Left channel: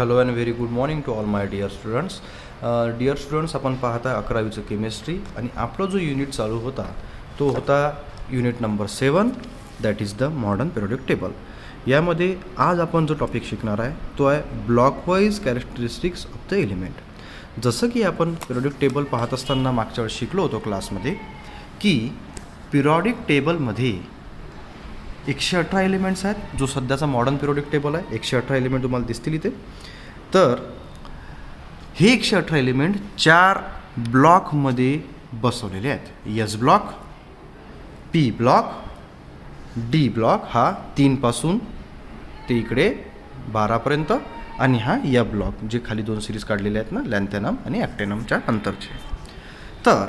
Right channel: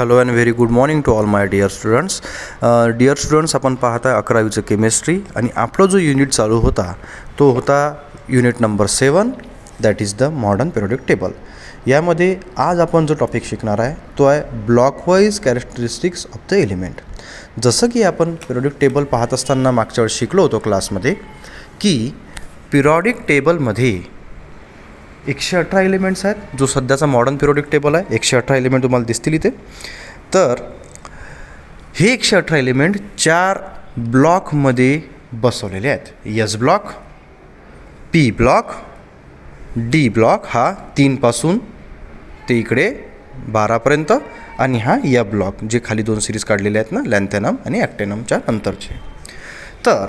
Hello and very good morning to all my dear students. Dear students, आपण पाहताय 11वीचं chemistry आणि आपला जो युनिट चालू होता तो होता unit number 7, that is the modern periodic table. यामध्ये आज आपण जो टॉपिक शिकणार आहे तो आहे ब्लॉकवाईज कॅरेक्टरिस्टिक्स ऑफ द एलिमेंट. जसं की आपण पिरियोडिक टेबल पाहत असताना मागच्या वेळेस शिकलो होतो क्लासमध्ये की पिरियोडिक टेबलमध्ये 118 एलिमेंट्स आहेत. जो सध्याचा मॉडर्न पिरियोडिक टेबल आहे 118 एलिमेंट तुम्हाला दिसतील इथे. तर हे 118 एलिमेंट 4 ब्लॉकमध्ये बसवलेले आहेत. S block, P block, D block हा 3 पासून ते इकडे 12पर्यंत आणि हा या ब्लॉक जे खाली 2 सिरीज काढलेले आहेत ना, लॅन्थेनम आणि ॲक्टेनमच्या नंतरचे. तर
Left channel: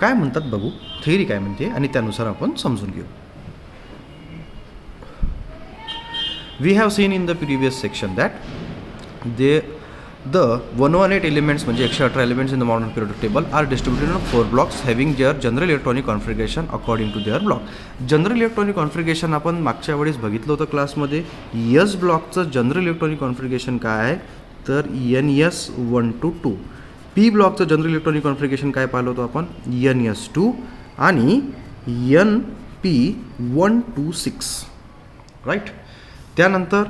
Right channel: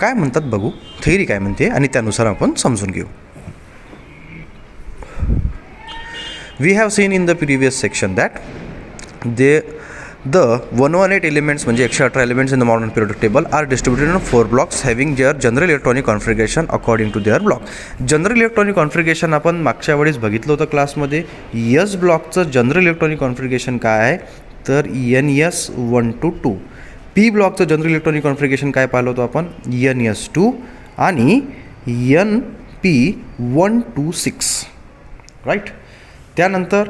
काय म्हणतात बघू, थेअरी काय म्हणते आणि त्यानुसार आपण समजून घेऊ. We have seen in the previous section that the 118 elements म्हणजे 118 elements in the modern periodic table are distributed in 4 blocks having their general electronic configuration according to their block. General electronic configuration आपण मागच्या वेळेस बघितलं होतं क्लासमध्ये. S ब्लॉकचं general electronic configuration काय आहे तर NS1 to 2. पी ब्लॉकचं जनरल इलेक्ट्रॉनिक कॉन्फिगरेशन काय पाहिलं होतं आपण NS2 आणि NP1 to 6, राईट. त्यानंतर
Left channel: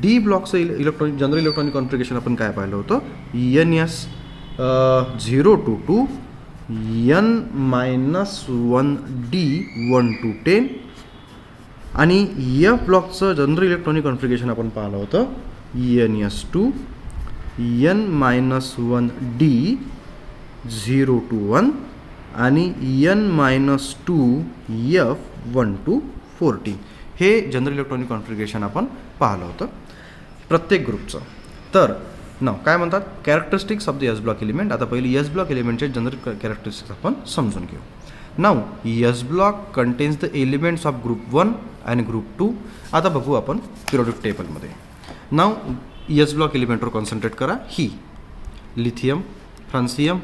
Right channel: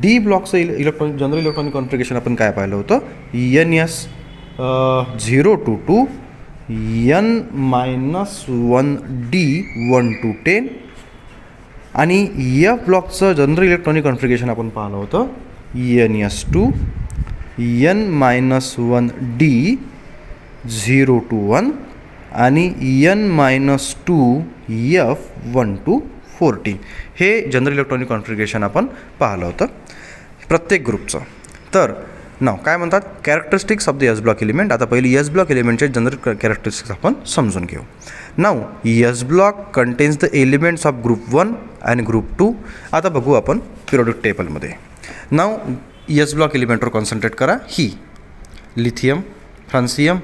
डी ब्लॉकचं जनरल इलेक्ट्रॉनिक कॉन्फिगरेशन आपण काय पाहिलं होतं NS0 to 2, N-1D1 to 10 आणि F ब्लॉकचं जनरल इलेक्ट्रॉनिक कॉन्फिगरेशन आपण पाहिलं होतं NS2, N-1D 0 to 1 आणि N-2F1 to 14. हे जनरल इलेक्ट्रॉनिक कॉन्फिगरेशन आपण पाहिलं होतं प्रत्येक ग्रुपचं. तर नाव काय म्हणतात characteristics of the S block element. आता पहिली एस ब्लॉक एलिमेंटचे जनरल कॅरेक्टरिस्टिक्स आपण समजून घेऊ. नाव S block contains the elements of group 1 आणि ग्रुप 2. आता बघू आपण पिरियोडिक टेबलमध्ये. नाव एस ब्लॉक एलिमेंटवर कॉन्सन्ट्रेट करा. ही लिथियम, फ्रान्सियम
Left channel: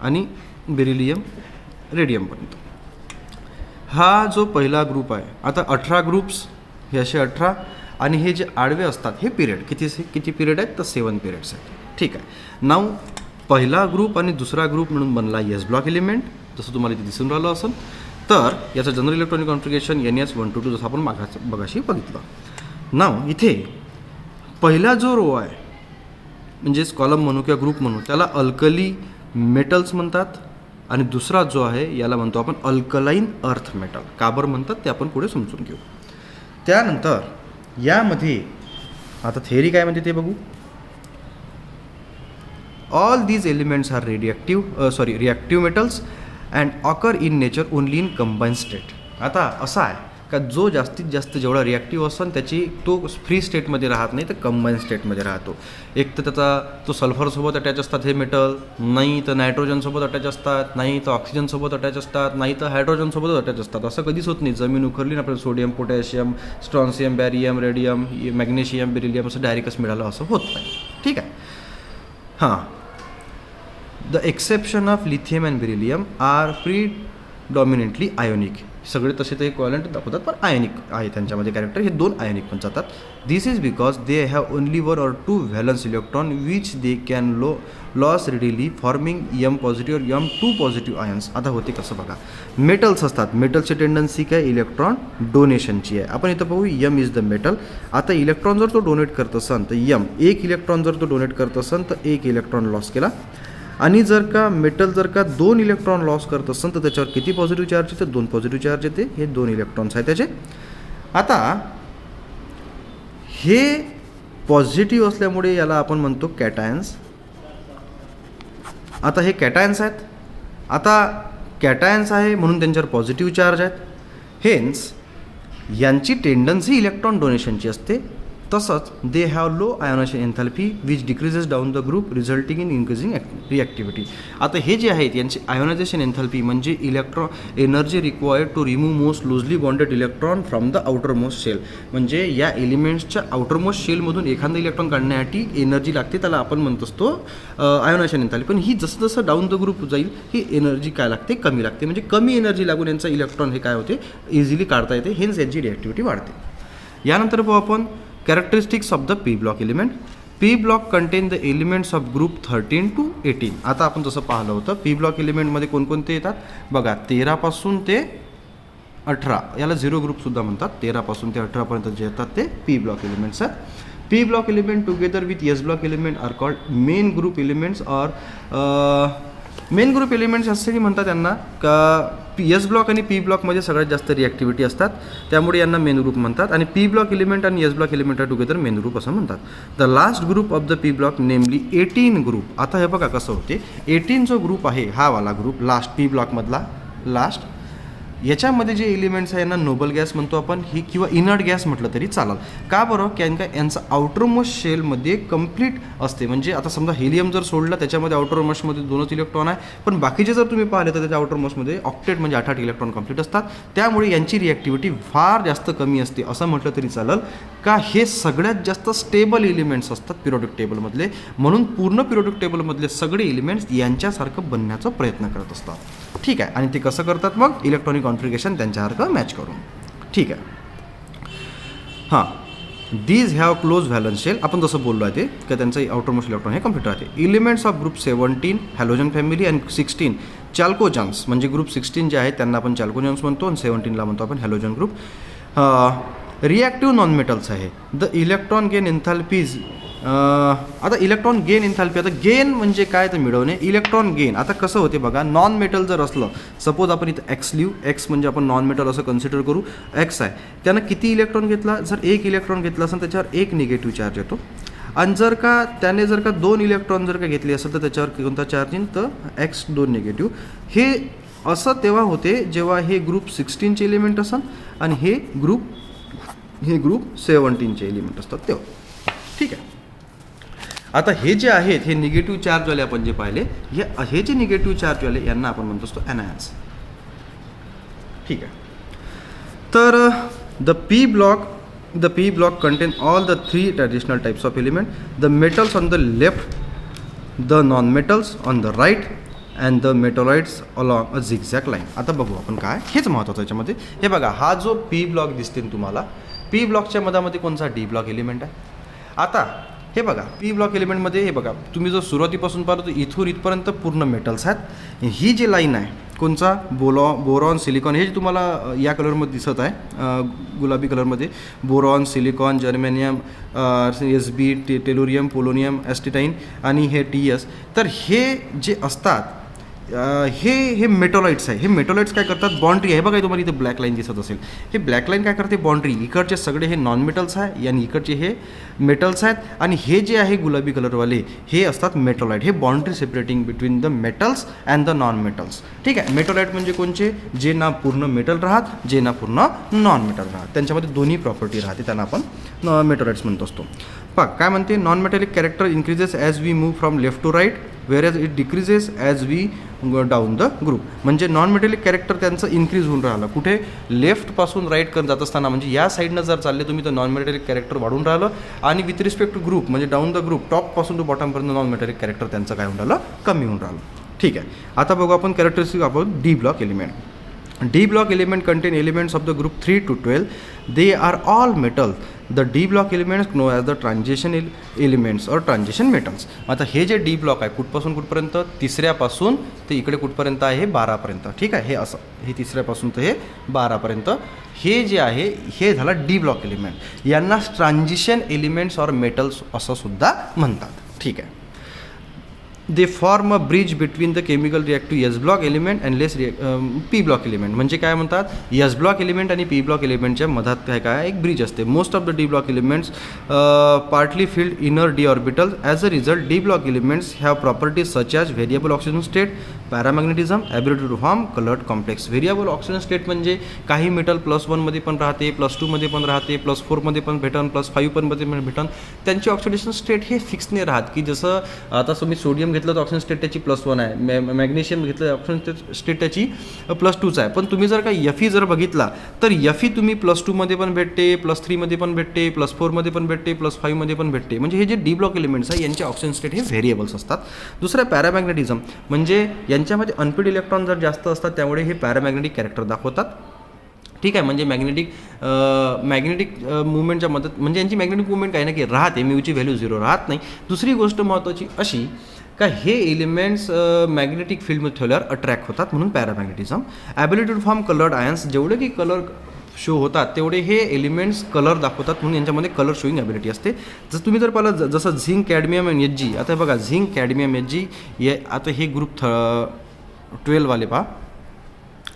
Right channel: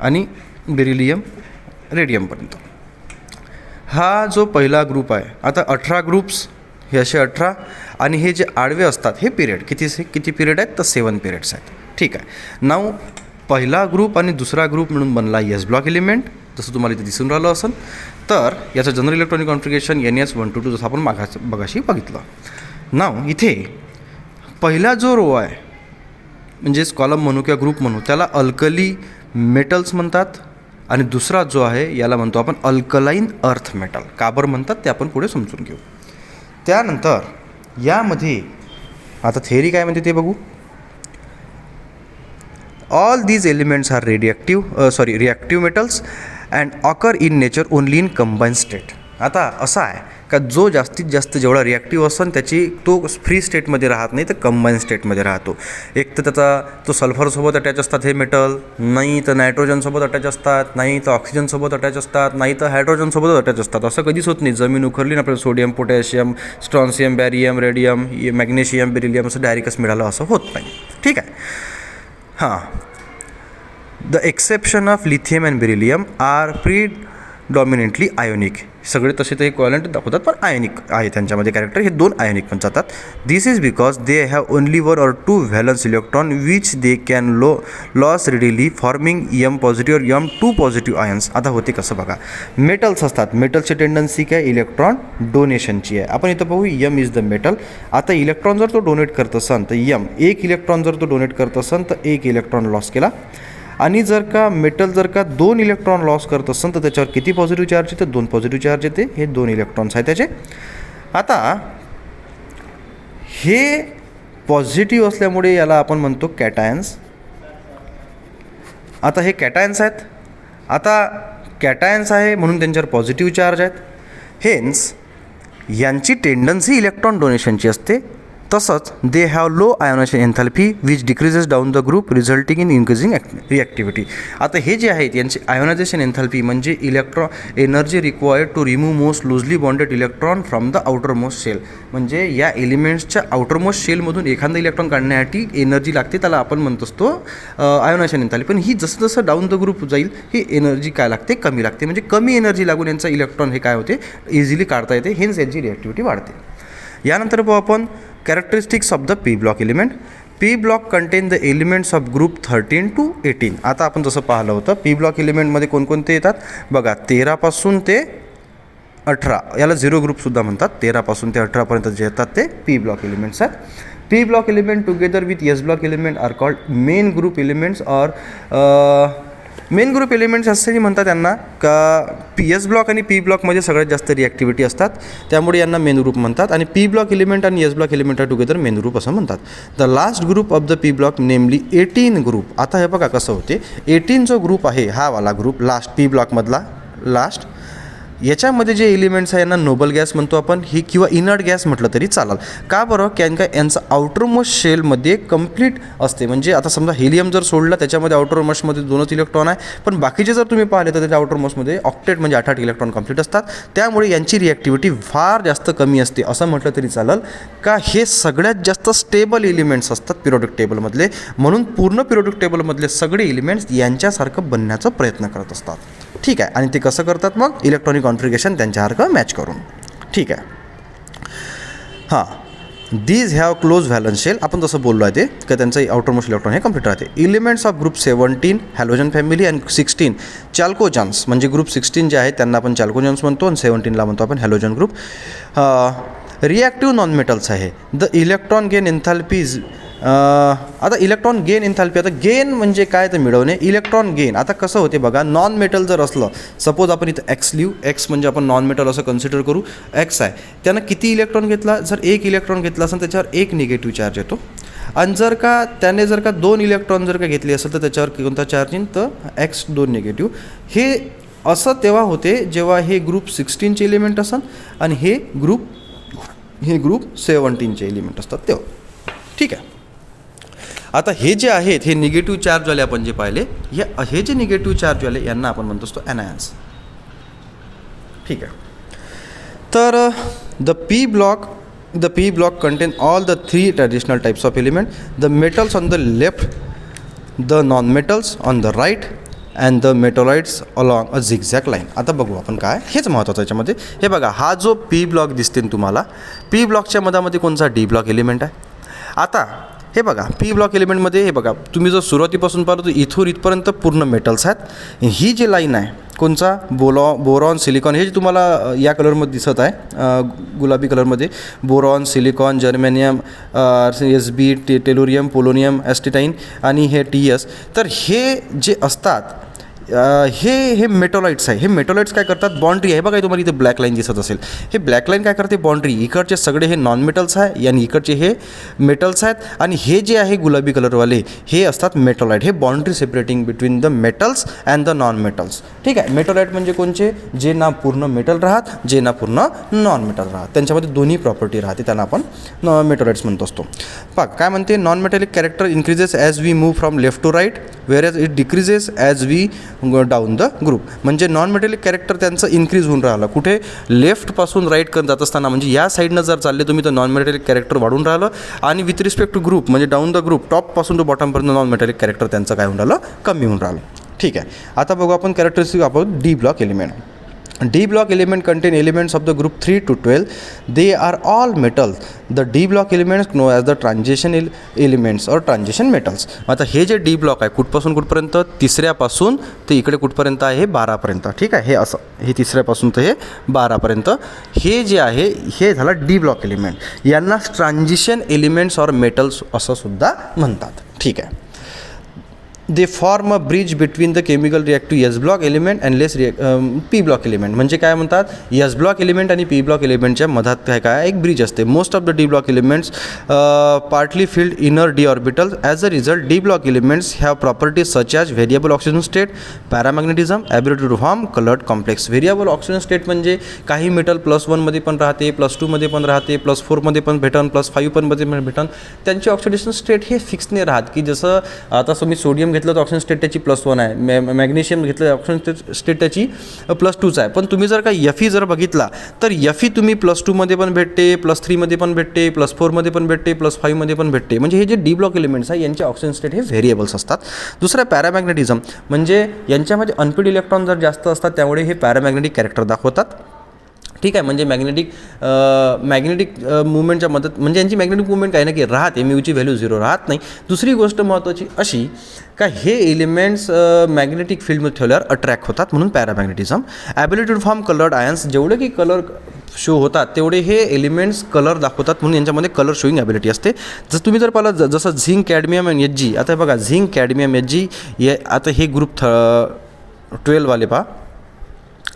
आणि बेरिलियम, रेडियमपर्यंत हा जो पहिला ग्रुप आहे. आता 18 ग्रुप्स हे असे 18 आणि हे जे आडवे असतात हे पिरियड किती पिरियड आहेत तर 7 पिरियड्स आहेत. ठीक आहे. नाव पहिला ग्रुप आणि दुसरा ग्रुप मिळून बनला एस ब्लॉक एलिमेंट, जसं तुम्हाला इथे दिसून राहिलं असेल. तर याचं general electronic configuration NS1 to 2 जसं आपण मगाशी बघितलं. नाव इथे पहिला जो रो आहे म्हणजेच कॉलम म्हणू किंवा ग्रुप म्हणू त्याला अल्कली मेटल्स म्हणतात आणि दुसरा जो आहे याला म्हणतो आपण अल्कलाईन अर्थ मेटल. का बरं म्हणतात ते आपण पुढे समजून घेऊ. त्यानंतर यामध्ये आता थेअरी काय म्हणते ते बघू. All these elements are reactive metals and occur in nature only in combine state. आता असं आहे का जो जास्तीत जास्त जेवढा रिॲक्टिव्ह असेल त्याची तो फ्री स्टेटमध्ये राहत नाही तर कंबाईन स्टेटमध्ये राहतो. एक तर त्याचा तो सल्फरसोबत अटॅच असतात हे मेटल, नाही तर नायट्रोजनसोबत अटॅच असतात, नाही तर ऑक्सिजनसोबत अटॅच असतात, नाही तर हायड्रोजनसोबत अटॅच असतात. असं कधीच होत नाही. जमीन उखरली ना आपल्याला sodium, potassium, strontium, barium, radium, magnesium, beryllium असं डायरेक्टच मिळालं असं होत नाही. ठीक आहे. हां, the exception of lithium and beryllium are predominantly ionic. सगळे तसे ते इक्वॅलंट दाखवतात पण आयनिक आहे त्यांच्यामध्ये कॅरेक्टर. हे 2 आयनिक पण जातात. This is because they have only 1 or 2 valence electron which they can loss readily forming M positive और M2 पॉझिटिव्ह आयन्स. आता होते कसं बघा, मेटल्स असतात. मेटलची टेंडन्सी काय इलेक्ट्रॉन डोनेशनची आहे. आपण इथं पाहू M इज द मेटल. आता इलेक्ट्रॉन जर तो डोनेट करत असेल तर M 1 इलेक्ट्रॉन जर तो डोनेट करत असेल तर 1 इलेक्ट्रॉन लॉस केला. आणि जर का मेटल जर का 2 इलेक्ट्रॉन लॉस करत असेल तर त्याच्यावर किती पॉझिटिव्ह चार्ज येते 2 पॉझिटिव्ह चार्ज येते. हे 2 इलेक्ट्रॉन्स आहेत त्याचे. आता हे पॉझिटिव्ह असल्यामुळे याला आपण म्हणतो कॅटायन्स. आता हे कॅटायन्स आहेत. आता कॅटायन्स आहे म्हणून त्यांच्यावर पॉझिटिव्ह चार्ज आहेत. हेन्स यांची टेंडन्सी इलेक्ट्रॉन डोनेशनची असते. तसंच they have low ionization enthalpy which decreases down the group resulting in increasing reactivity. आता हे जे आहेत यांची आयोनायझेशन एन्थॅल्पी म्हणजे energy required to remove most loosely bonded electron from the outer most shell. म्हणजे या एलिमेंट्सच्या आउटर मोस्ट शेलमधून एखादा electron काढण्यासाठी एनर्जी लागते, त्याला आपण म्हणत असतो आयोनायझेशन एन्थॅल्पी. पण ही जसं जसं डाऊन द ग्रुप जाईल ही एनर्जी काय लागते कमी लागते. म्हणजे कमी एनर्जी लागून यांचा इलेक्ट्रॉन हे काय होते इझिली काढता येते. हेन्स यांची रिॲक्टिव्हिटी वाढते. यानंतर पाहू आपण characteristics of the P block element. P block content the elements of group 13 to 18. आता आपण जसं पाहिलं होतं पी ब्लॉक एलिमेंटमध्ये कोणकोणते येतात बघा, 13 पासून ते 18, याला 0 ग्रुपसुद्धा म्हणतात. 13 पासून ते 18पर्यंत जे येतात ते पी ब्लॉक एलिमेंट्स आहेत. P block element together with S block element are called main group elements. और मेन ग्रुप एलिमेंट्स असंही म्हणतात त्यांना का एस ब्लॉक आणि पी ब्लॉकमध्ये सगळ्यात जास्त रिॲक्टिव्हिटी असतात, त्यामुळे यांना मेन ग्रुप म्हणतात. आणि पी ब्लॉक एलिमेंट आणि S block element together main group असं म्हणतात. The last group of the P block नेमली 18 ग्रुप. आता हे बघा कसं होते, 18 जो ग्रुप आहे हा वाला ग्रुप लास्ट पी ब्लॉकमधला लास्ट, याच्यामध्ये जे एलिमेंट्स आहे यांना नोबल गॅस म्हणतो आपण, ही किंवा इनर्ट गॅस म्हटलं तरी चालेल. का बरं, कारण का यांचा आउटरमोस्ट शेलमध्ये कंप्लीट असते. म्हणजे आता समजा हेलियम जर सोडलं त्याच्यामध्ये आउटरमोस्टमध्ये 2च इलेक्ट्रॉन आहे, पण बाकीचे जर तुम्ही पाहिले तर त्याच्या आउटरमोस्टमध्ये ऑक्टेट म्हणजे 8 इलेक्ट्रॉन कंप्लीट असतात. त्यामुळे यांची रिॲक्टिव्हिटी फार जास्त कमी असते असं म्हटलं तरी चालेल. का हे सगळ्यात जास्त स्टेबल एलिमेंट्स असतात पिरियोडिक टेबलमधले, म्हणून पूर्ण पिरियोडिक टेबलमधले सगळे एलिमेंट्स यांच्यासारखं बनण्याचा प्रयत्न करत असतात. ठीक आहे, आणि ते कसं करतात मग, इलेक्ट्रॉनिक कॉन्फिगरेशन त्यांच्यासारखं मॅच करून. ठीक आहे. हां, these have close valence shell. आपण जसं बोललो आहे ते की त्यांचं आउटरमोस्ट इलेक्ट्रॉन हे कम्प्लीट राहते. Elements of group 17 halogen family आणि 16 चॅल्कोजन्स. म्हणजे ग्रुप 16 जे आहेत त्यांना आपण चॅल्कोजन्स म्हणतो आणि 17ला म्हणतो आपण halogen group. Reactive non metals आहे. The electron gain enthalpies. आता इलेक्ट्रॉन गेन एन्थॅल्पी, आता गेन म्हणजे काय तर मिळवणे, इलेक्ट्रॉन गेन. आता कसं होते बघा, नॉन मेटल जर असलं, सपोज आपण इथं एक्स लिहू, एक्स म्हणजे आपण नॉन मेटल असं कन्सिडर करू, एक्स आहे, त्यानं किती इलेक्ट्रॉन घेतला, जर 1 इलेक्ट्रॉन घेतला असेल त्याच्यावर 1 निगेटिव्ह चार्ज येतो. आणि जर का त्याने जर का 2 इलेक्ट्रॉन जर का घेतले असेल तर त्याच्यावर कोणता चार्ज येईल, तर एक्स 2 निगेटिव्ह. हे असं तेव्हा होते जेव्हा हे ग्रुप 16चे एलिमेंट असेल आणि हे ग्रुप 17चे एलिमेंट असतात तेव्हा. ठीक आहे. आता हे जे आहेत हे निगेटिव्ह चार्जवाले आपण जे पाहिले, हे जे निगेटिव्ह चार्जवाले यांना आपण म्हणतो असतो एनायन्स. ठीक आहे. तर the P block contain all the 3 traditional types of element. The metals on the left, the non metals on the right and the metalloids along a zigzag line. आता बघू आपण काय, हेच महत्त्वाचं याच्यामध्ये. हे बघा, हा जो पी ब्लॉक दिसते तुम्हाला, पी ब्लॉकच्या मधामध्ये कोणचा डी ब्लॉक एलिमेंट आहे. आता हे बघा, पी ब्लॉक एलिमेंटमध्ये हे बघा, तुम्ही जर सुरुवातीपासून पाहतो तर इथून इथपर्यंत पूर्ण मेटल्स आहेत. ही जी लाईन आहे कोणचा, बोरॉन सिलिकॉन, हे जे तुम्हाला या कलरमध्ये दिसत आहे गुलाबी कलरमध्ये, boron silicon germanium SB tellurium polonium astatine आणि हे TS. तर हे जे असतात हे मेटोलाइट्स आहे. हे मेटोलाइट्स काय करतात, बाउंड्री आहे बघा, तुम्हाला इथे ब्लॅक लाईन दिसत असेल, हे ब्लॅक लाईन काय करते, बाउंड्री. इकडचे सगळे हे नॉन मेटल्स आहे आणि इकडचे हे मेटल्स आहेत, आणि हे जे आहे गुलाबी कलरवाले हे असतात मेटोलाइट. हे boundary separating between the metals and the non metals. ठीक आहे. मेटोलाइट म्हणजे कोणचे, जे ना पूर्ण मेटल राहत, जे ना पूर्ण नॉन मेटल राहत, त्यांच्यामध्ये दोन्ही प्रॉपर्टी राहते, त्यांना आपण मेटोलाइट्स म्हणत असतो. पहा काय म्हणते, non metallic character increases as we move from left to right, where it decreases as we down the group. म्हणजे नॉन मेटॅलिक कॅरेक्टर त्यांचं इन्क्रीज होऊन राहिलं, कुठे, लेफ्टपासून राईट करत जात असताना, म्हणजे या साईडनं जर चालले तुम्ही तर नॉन मेटॅलिक कॅरेक्टर वाढून राहिलं, आणि विथ रिस्पेक्ट टू ग्रुप म्हणजे डाऊन द ग्रुप टॉपपासून टू बॉटमपर्यंत नॉन मेटॅलिक कॅरेक्टर त्यांचं काय होऊन राहिलं, कमी होऊन राहिलं. ठीक आहे. आता बघू आपण characteristic about D block element. D block element contain elements of the group 3 to 12. They are all metals. The D block elements known as the transition elements or transition metals. आता हे जे D block आहे कुठपासून कुठपर्यंत, तिसऱ्यापासून ते इकडे कुठपर्यंत आहे, 12पर्यंत. ठीक आहे. हे असं, हे तिसऱ्यापासून तर हे 12पर्यंत हे जे आहे हे झालं D block element. यांना ट्रान्झिशन एलिमेंट्स और मेटल्स असं सुद्धा म्हणतात. ठीक आहे. They form a bridge between the chemical reactive S block element and less P block element. म्हणजे काय म्हणतात, एस ब्लॉक एलिमेंट आणि पी ब्लॉक एलिमेंटच्या मधात काय एक ब्रिज असते. Most of the D block elements partly filled inner D orbital. As a result D block elements have properties such as variable oxygen state, paramagnetism, ability to form coloured complex. Variable oxygen state म्हणजे काही metal +1 पण राहते, +2 पण राहते, +4 पण भेटन, +5 पण भेटन. त्यांची ऑक्सिडेशन स्टेट हे फिक्स नाही राहत, की जसं आता तुम्ही सोडियम घेतलं तर ऑक्सिजन स्टेट त्याची +1 आहे, मॅग्नेशियम घेतलं ऑक्सिजन स्टेट त्याची +2 आहे. पण तुम्ही जर का Fe जर बघितला तर Fe तुम्ही +2 पण भेटते, +3 पण भेटते, +4 पण भेटते, +5 पण भेटते. म्हणजे हे जे डी ब्लॉक एलिमेंट्स आहे यांचे ऑक्सिजन स्टेट हे व्हेरिएबल्स असतात. दुसरं पॅरामॅग्नेटिझम म्हणजे यांच्यामध्ये अनपिड इलेक्ट्रॉन जर जास्त असतात त्यामुळे हे पॅरामॅग्नेटिक कॅरेक्टर दाखवतात. ठीक आहे. म्हणजे मॅग्नेटिक मुवमेंटच्या मदत म्हणजे यांची मॅग्नेटिक मुवमेंट काही ना की राहते, म्यूची व्हॅल्यू 0 राहत नाही. दुसरी गोष्ट महत्त्वाची अशी का हे एलिमेंट्स मॅग्नेटिक फील्डमध्ये ठेवल्यावर अट्रॅक्ट होतात, म्हणून paramagnetism. Ability to form coloured ions, जेवढे की कलर शो होतात तेवढे हे एलिमेंट्स कलर दाखवतात, म्हणून यांच्यामध्ये कलर शोईंग ॲबिलिटी असते. जसं तुम्ही जर पाहिलं जसं झिंक, कॅडमियम आणि Hg. आता बघा झिंक, कॅडमियम, Hg हे आता हे ग्रुप 12 वाले पहा,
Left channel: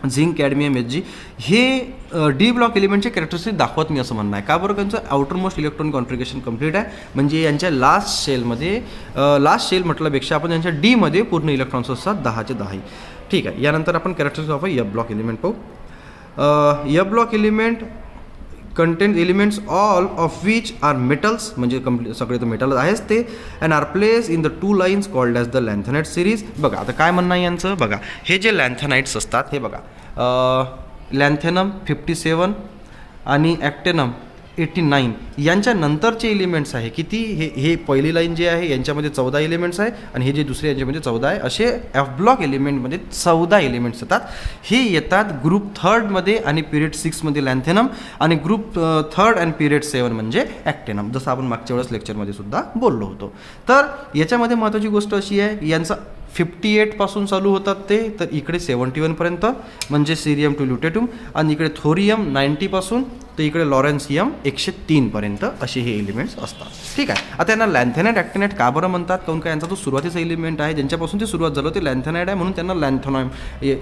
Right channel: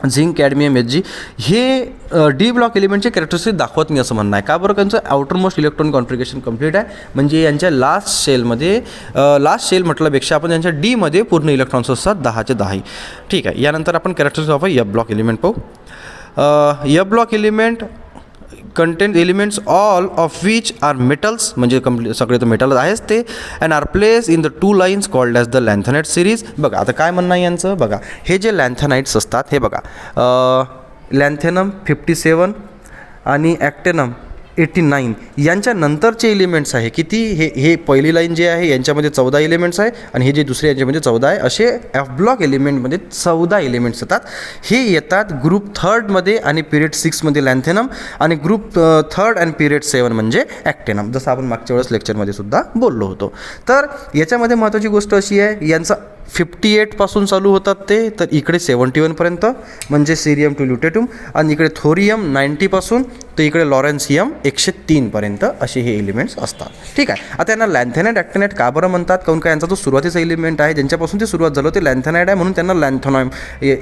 झिंक, कॅडमियम, Hg हे डी ब्लॉक एलिमेंटचे कॅरेक्टरिस्टिक दाखवत नाही असं म्हणणं आहे. का बरं? त्यांचं आउटरमोस्ट इलेक्ट्रॉन कॉन्फिगरेशन कंप्लीट आहे. म्हणजे यांच्या लास्ट शेलमध्ये लास्ट शेल म्हटल्यापेक्षा आपण यांच्या डीमध्ये पूर्ण इलेक्ट्रॉन्स असतात 10चे 10. ठीक आहे. यानंतर आपण characteristic of F block element पाहू. F block element contain elements all of which are metals, म्हणजे सगळे तर मेटल आहेच ते, and are place in the 2 lines called as the lanthanide series. बघा आता काय म्हणणं आहे यांचं, बघा हे जे लॅन्थनाइट्स असतात हे बघा, लॅन्थेनम 57 आणि ॲक्टेनम 89 यांच्या नंतरचे एलिमेंट्स आहे किती, हे पहिली लाईन जे आहे यांच्यामध्ये 14 एलिमेंट्स आहे, आणि हे जे दुसरे यांच्यामध्ये 14 आहे. असे एफ ब्लॉक एलिमेंटमध्ये 14 एलिमेंट्स येतात. हे येतात ग्रुप 3मध्ये आणि पिरियड 6मध्ये लॅन्थेनम, आणि ग्रुप 3 आणि पिरियड 7 म्हणजे ॲक्टेनम, जसं आपण मागच्या वेळेस लेक्चरमध्ये सुद्धा बोललो होतो. तर याच्यामध्ये महत्त्वाची गोष्ट अशी आहे, यांचा 58 पासून चालू होतात ते, तर इकडे 71पर्यंत म्हणजे सिरियम टू ल्युटेट्यूम, आणि इकडे थोरियम 90 पासून तर इकडे लॉरेन्सियम 103 पर्यंत असे हे एलिमेंट्स असतात. ठीक आहे. आता यांना लॅन्थेनाइट, ॲक्टिनाइट का बरं म्हणतात? काऊन का यांचा तो सुरुवातीचा एलिमेंट आहे ज्यांच्यापासून ते सुरुवात झालं ते लॅन्थेनाइट आहे, म्हणून त्यांना लॅन्थेनॉइम,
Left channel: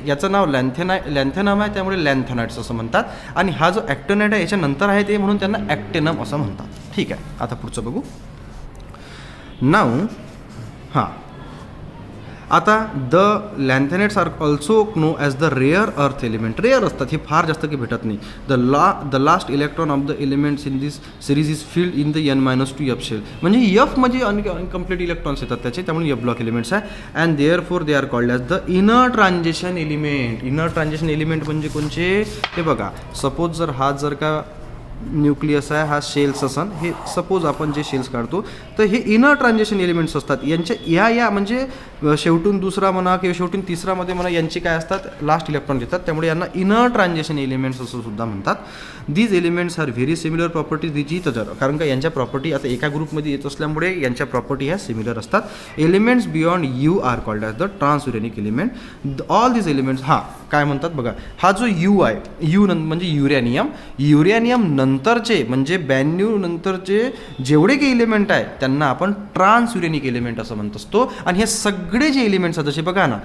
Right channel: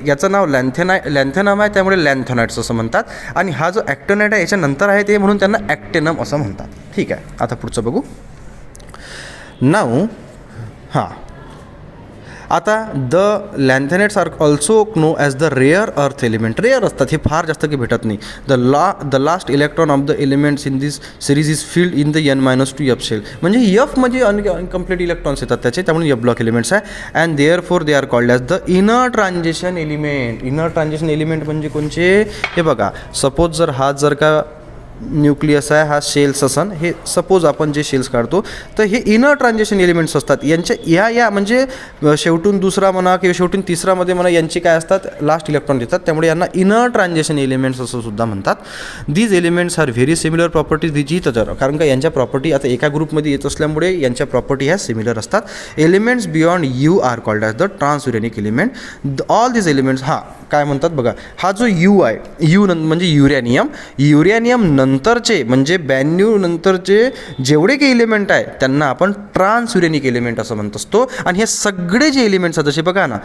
याचं नाव लॅन्थेनम आहे, त्यामुळे लॅन्थेनाइट्स असं म्हणतात. आणि हा जो ॲक्टिनाइट आहे याच्यानंतर आहे ते, म्हणून त्यांना ॲक्टेनम असं म्हणतात. ठीक आहे. आता पुढचं बघू. नाऊ आता the lanthanides are also know as the rare earth element. Rare असतात, हे फार जास्त काही भेटत नाही. The last electron of the elements in this series is filled in the n-2 F shell, म्हणजे एफ म्हणजे अनकम्प्लीट इलेक्ट्रॉन्स येतात त्याचे, त्यामुळे एफ ब्लॉक एलिमेंट्स आहे. And therefore they are called as the inner transition element. Inner transition element म्हणजे कोणचे? हे बघा, सपोज जर का न्यूक्लियस आहे, हा शेल्स असन, हे सपोज आपण जे शेल्स काढतो तर हे इनर ट्रान्झिशन एलिमेंट्स असतात. यांच्या या म्हणजे शेवटून दुसरा म्हणा किंवा शेवटून तिसरामध्ये म्हणा, यांची काय असतात, लास्ट इलेक्ट्रॉन देतात, त्यामुळे यांना इनर ट्रान्झिशन एलिमेंट्स असं सुद्धा म्हणतात. These elements are very similar properties these each other, कारण का यांच्या प्रॉपर्टी आता एका ग्रुपमध्ये येत असल्यामुळे यांच्या प्रॉपर्टी ह्या सिमिलर असतात. Elements beyond U are called as the transuranic element. All these elements काय म्हणतात बघा, हा जो यू आहे, यू म्हणजे युरॅनियम नंतरचे म्हणजे 92 नंतरचे जेवढे काही एलिमेंट आहे त्यांना आपण ट्रान्सयुरेनिक एलिमेंट असं म्हणत असतो. आणि हे सगळे जे एलिमेंट्स आहेत जसे बघा ना,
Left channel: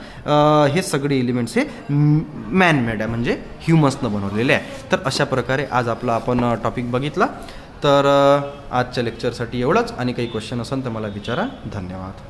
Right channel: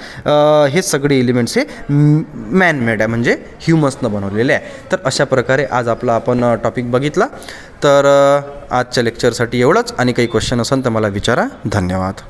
हे सगळे एलिमेंट्स हे मॅनमेड आहे, म्हणजे ह्युमसनं बनवलेले आहे. तर अशा प्रकारे आज आपला आपण टॉपिक बघितला. तर आजच्या लेक्चरसाठी एवढंच, आणि काही क्वेश्चन असेल तर मला विचारा. धन्यवाद.